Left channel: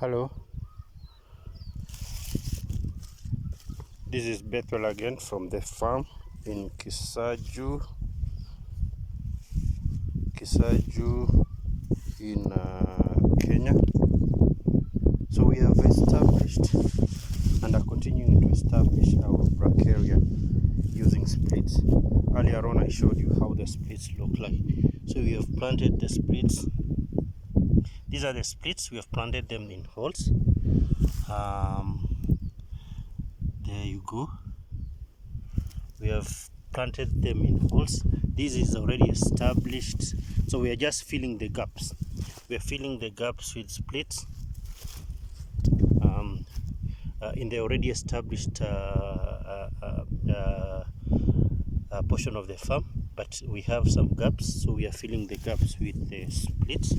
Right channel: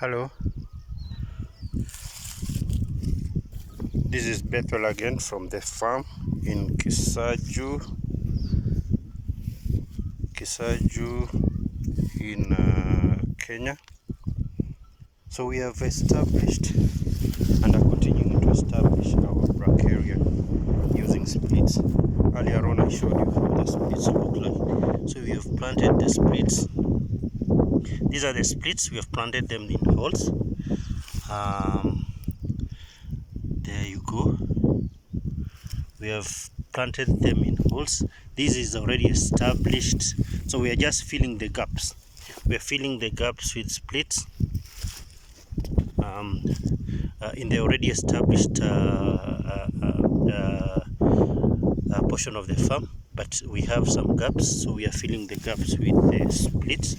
Hello, this is Bethel again from the farm in Kisaju in Kenya. So we have established and are continuing to establish our brachiaria using splits. Earlier on I showed you how the splits look like. So we have planted the splits. These are the splits. We have planted them in holes. There you go. We have planted them in holes. This is already established, so we are just filling the gaps. We are filling the gaps with splits in the already established portion of the farm, but we have some gaps, so we are filling the gaps with the splits.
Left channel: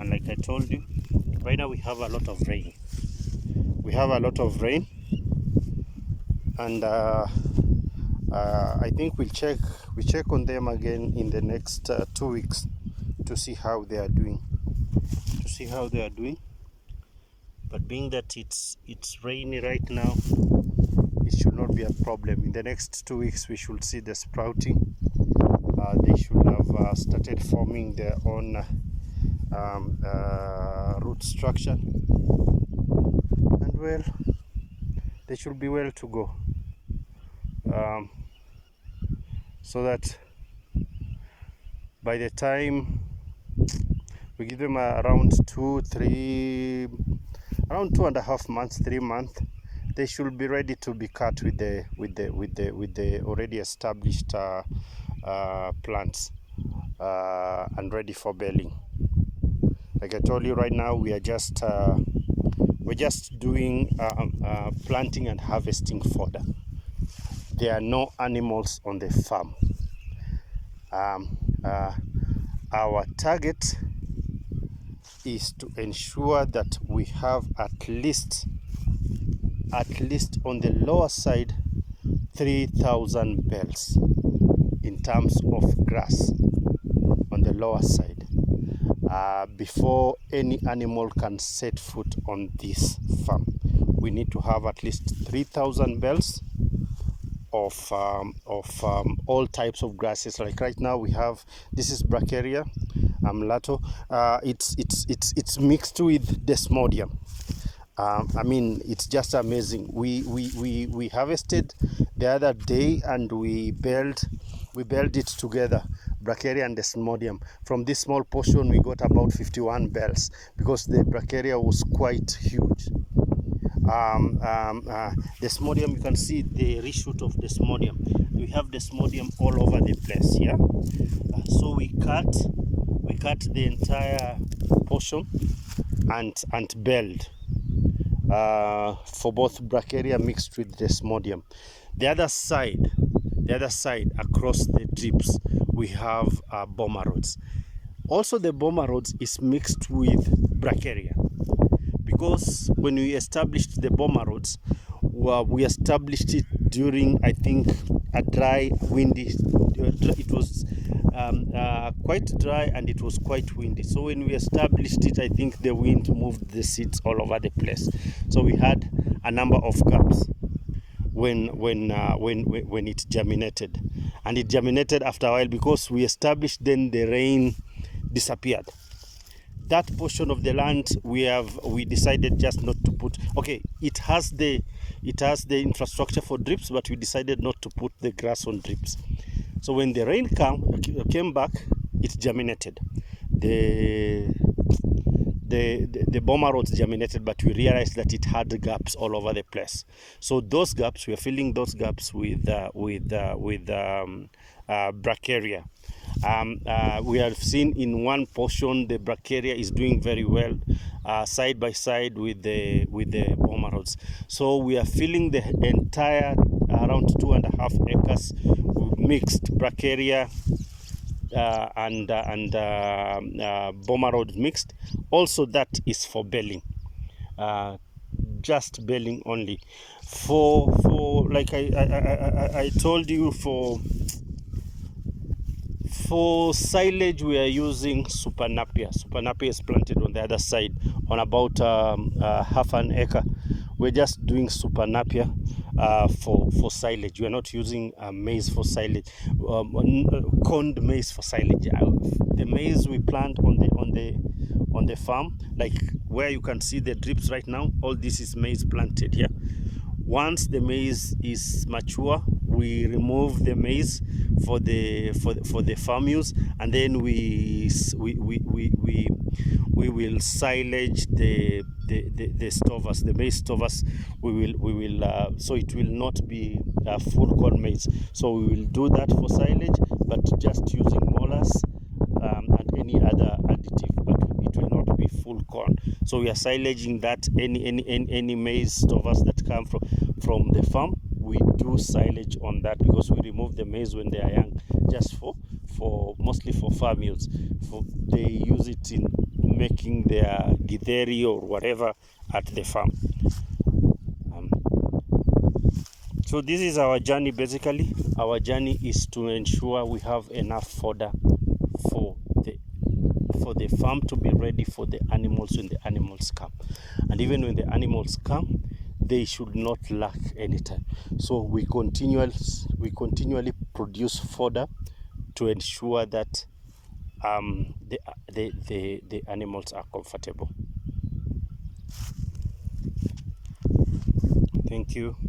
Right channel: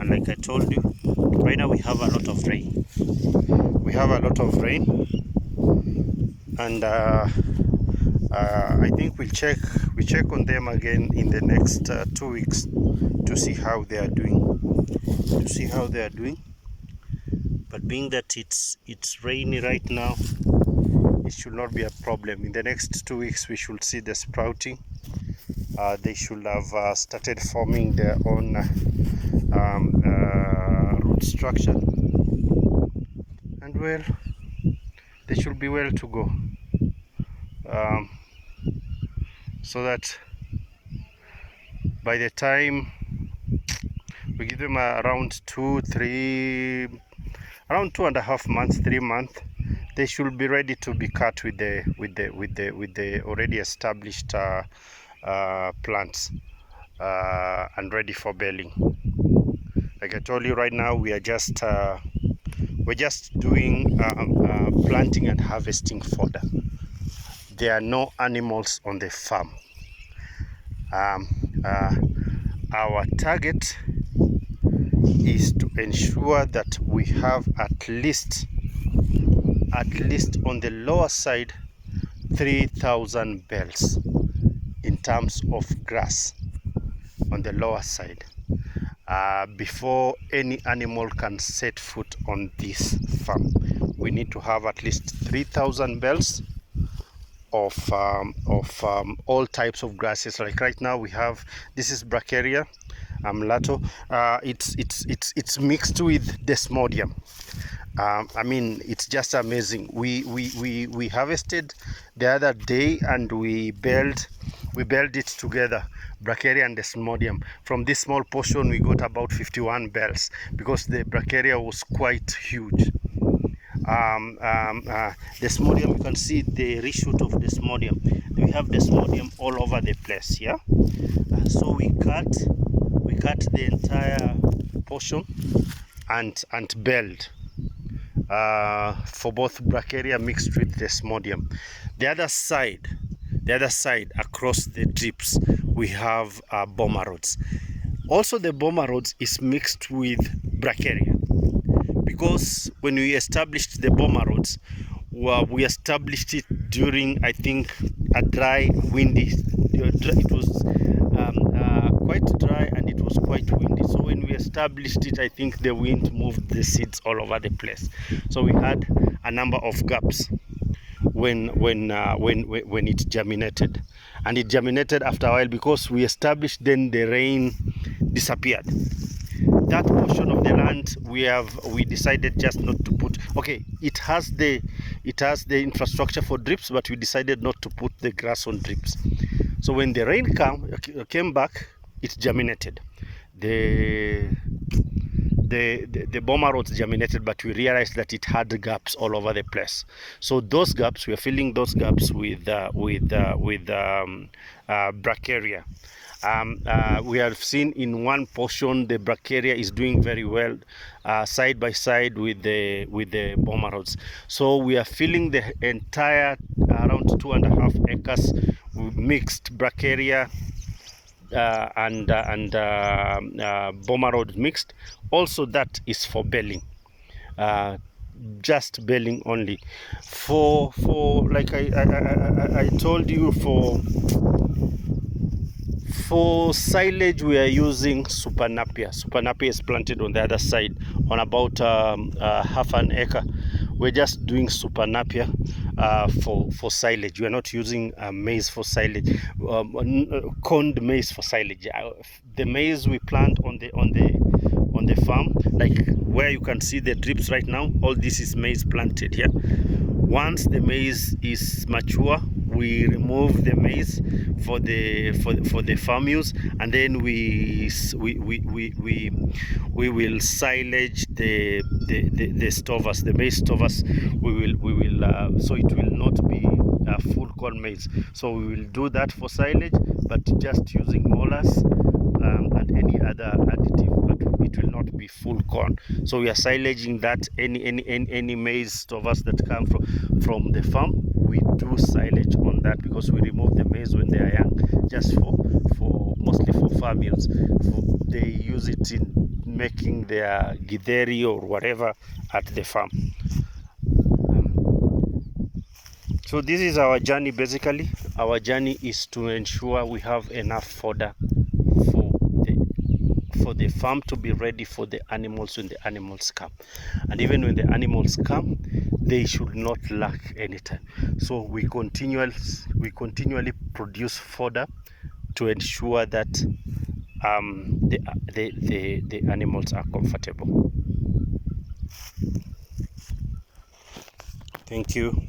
And like I told you, right now we have a lot of rain. And I think we check on them again in the next 2 weeks to see how they are doing. But being that it's rainy right now, it should not be a problem. In the next 2 weeks we should see the sprouting. They should have started forming their own root structure, and well, they should be well to go. So that by the time we give them around 2.5 months, 3 months, they should be ready to be cut with the already established plants and ready for baling. Like I told you, right now we are just doing planting and harvesting fodder. There are no animals on the farm. Our target is to ensure that we have at least on the lower side 3,000 bales in terms of grass on the lower side before any animal can set foot on this farm. We need to have at least 3,000 bales of all types of grasses. Like right now we have, this is Brachiaria mulato. It's mixed with desmodium. I mean, it's just amazing. We harvested the other day and we baled it together, Brachiaria and desmodium. From this small portion we got about 51 bales because the Brachiaria was quite huge. Desmodium, you can see the reshoot of desmodium. We have desmodium all over the place here. So we cut the entire portion and baled for both Brachiaria mixed with desmodium. The other side across the drips we have bomber rods. Also the bomber rods is mixed with Brachiaria, because when we established the bomber rods, we established it during, I think, a dry, windy. It was quite dry and it was quite windy. So when we established it, I think the wind moved the seeds all over the place. So we had a number of gaps when it germinated, and it germinated after a while because we established. Then the rain disappeared. That portion of the land we decided just not to put. Okay, it has the infrastructure for drips, but we decided not to put the grass on drips. So when the rain came back, it germinated. The bomber rods germinated, but we realized that it had gaps all over the place. So those gaps, we are filling those gaps with Brachiaria. We have seen in one portion the Brachiaria is doing very well side by side with the bomber rods. So we are filling the entire around 2.5 acres with mixed Brachiaria and bomber rod mixed. Also that is for baling, just baling only. For like I told you, for silage we are using Super Napier. Super Napier is planted on the other side about half an acre. We're just doing super napier for silage. We are not using maize for silage, corned maize for silage. The maize we plant on the farm, like where you can see the drips right now, all this is maize planted here. Once the maize is mature, we remove the maize for the farm use, and then we will silage the stovers, the maize stovers. We will so it will not be full corn maize. So we will do that for silage, but just using molasses and any other additive, but it will not be full corn. So we are silaging that. Any maize stovers that come from the farm, we do silage on that, because we remove the maize when they are young, just for mostly for farm use. They use it in making their githeri or whatever at the farm. So this is our journey. Basically, our journey is to ensure we have enough fodder for the farm to be ready for the animals when the animals come. And even when the animals come, they should not lack any time. So we continually produce fodder to ensure that the animals are comfortable. Thank you.